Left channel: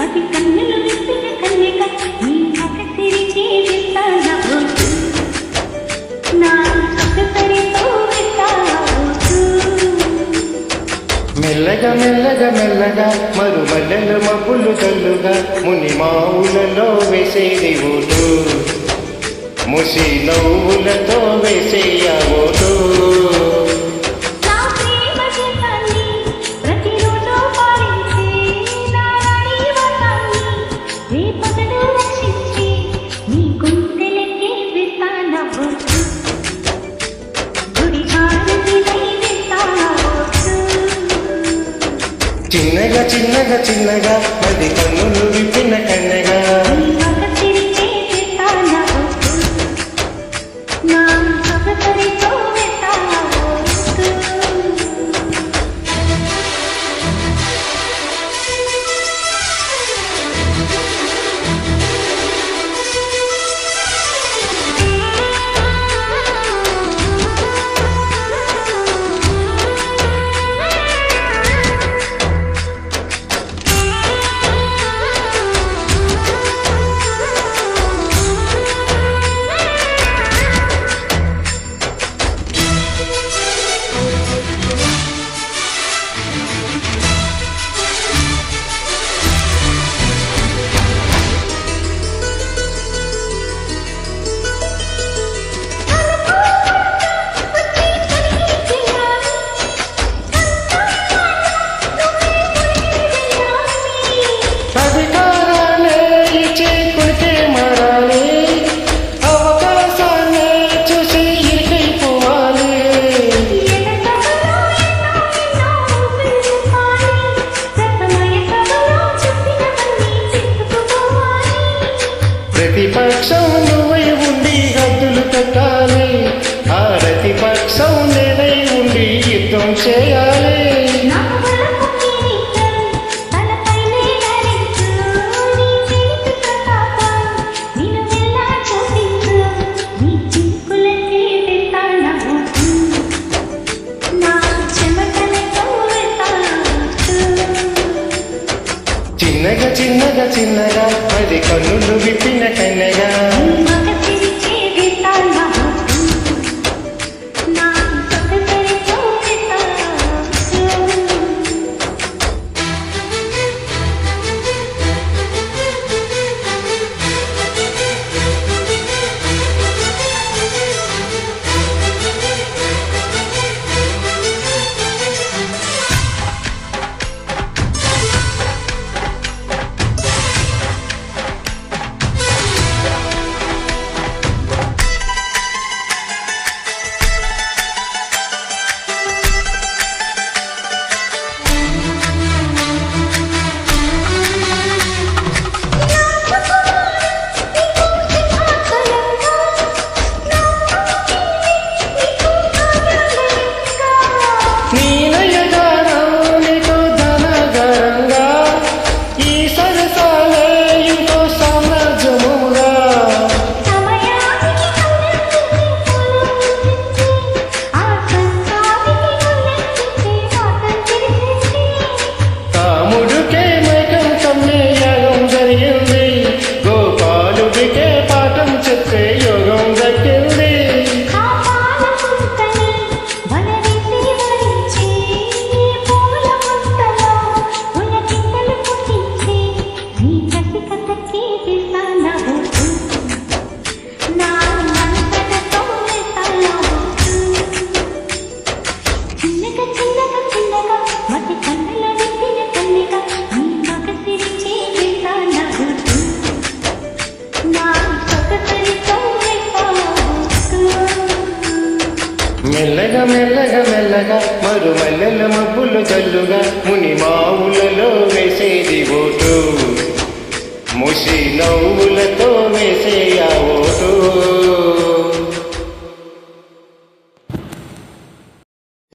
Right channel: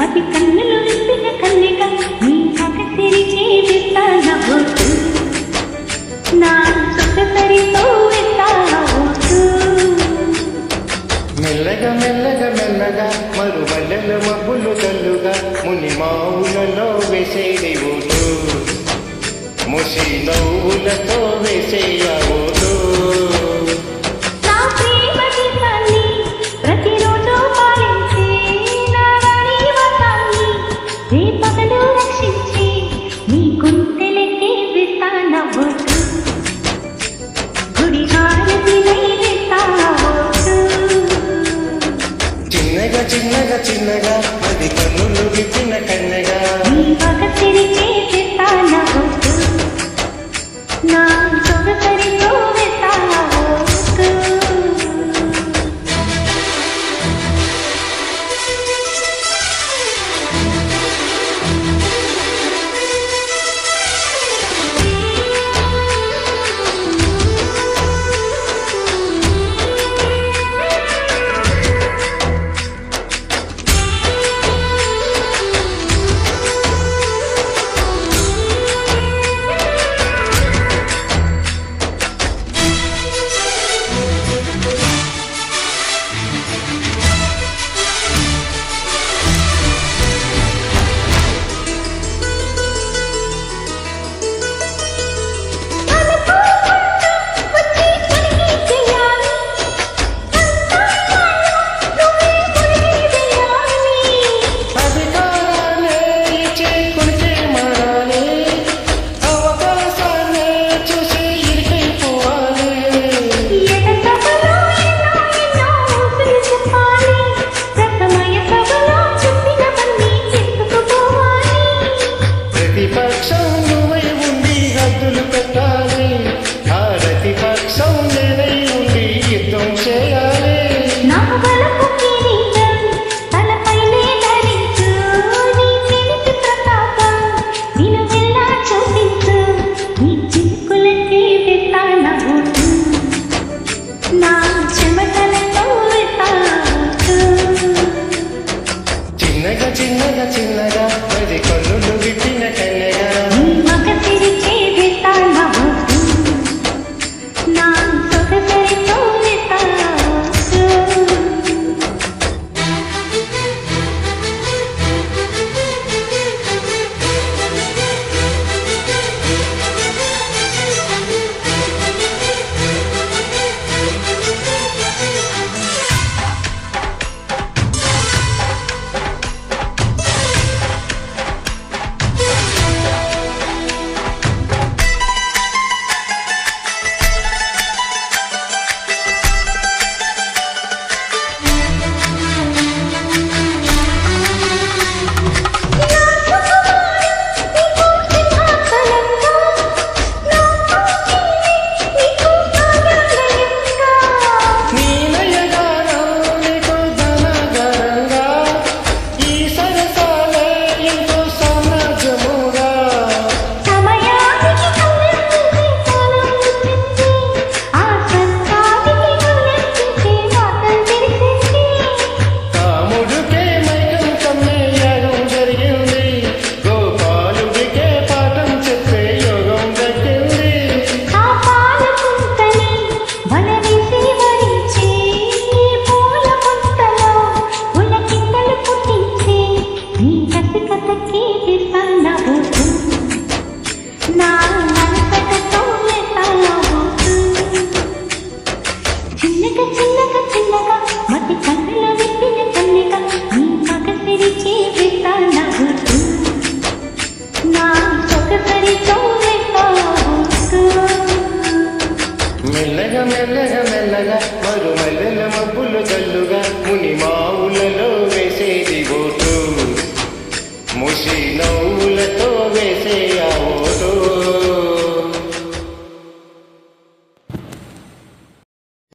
మతి కన్నులు విప్పిన కన్యక నీ మగసిరికే వేస్తాన ఓటు నా సొగసరితో వేస్తావోటు మెల్లగా మెల్లగా మెల్లగా మరుమల్లెల మబ్బులు తల్లుగా ముని మావులలో వేసేది ఓటు ముసి నవ్వులతో వేసేయ ఓటు నా ప్రేమ గీతాన్ని ప్రతిరోజు పాలించే నా రాణి వాసాన్ని రేపగలు రక్షించి నీ గుండెలకే వేస్తాన ఓటు గుడి హారతినై వేస్తావోటు చిన్నగా చిన్నగా చిన్నగా మది కన్నులు విప్పిన కన్నెగా నీ మగసిరికే వేస్తాన ఓటు నా సొగసరితో వేస్తావోటు అధికారాలే ఇచ్చే కునికే మారాలి అవకాశాన్ని చూసి ఇరికైపోవాలి ప్రతిపక్షం నువ్వై ఉండి హద్దులు పెట్టాలి ఆ ప్రతిపక్షం నేనై ఉండి యుద్ధం చేయాలి చిన్నగా చిన్నగా చిన్నగా మరి కన్నులు విప్పిన కన్నెగా మగసిరికే వేస్తాన ఓటు నా సొగసరితో వేస్తావోటు రాముడికే మైకం కమ్మే యాగం జరిగింది గోపాలుడికే పాఠం చెప్పే యోగం దక్కింది చిన్నగా చిన్నగా చిన్నగా మతి కన్నుల విప్పిన కన్నిక నీ మగసిరిచే వేస్తాన ఓటు నా సొగసరితో వేస్తావోటు మెల్లగా మెల్లగా మెల్లగా మరుమల్లెల మబ్బులు జల్లుగా ముని మావులలో వేసేది ఓటు ముసి నవ్వులతో వేసేయ ఓటు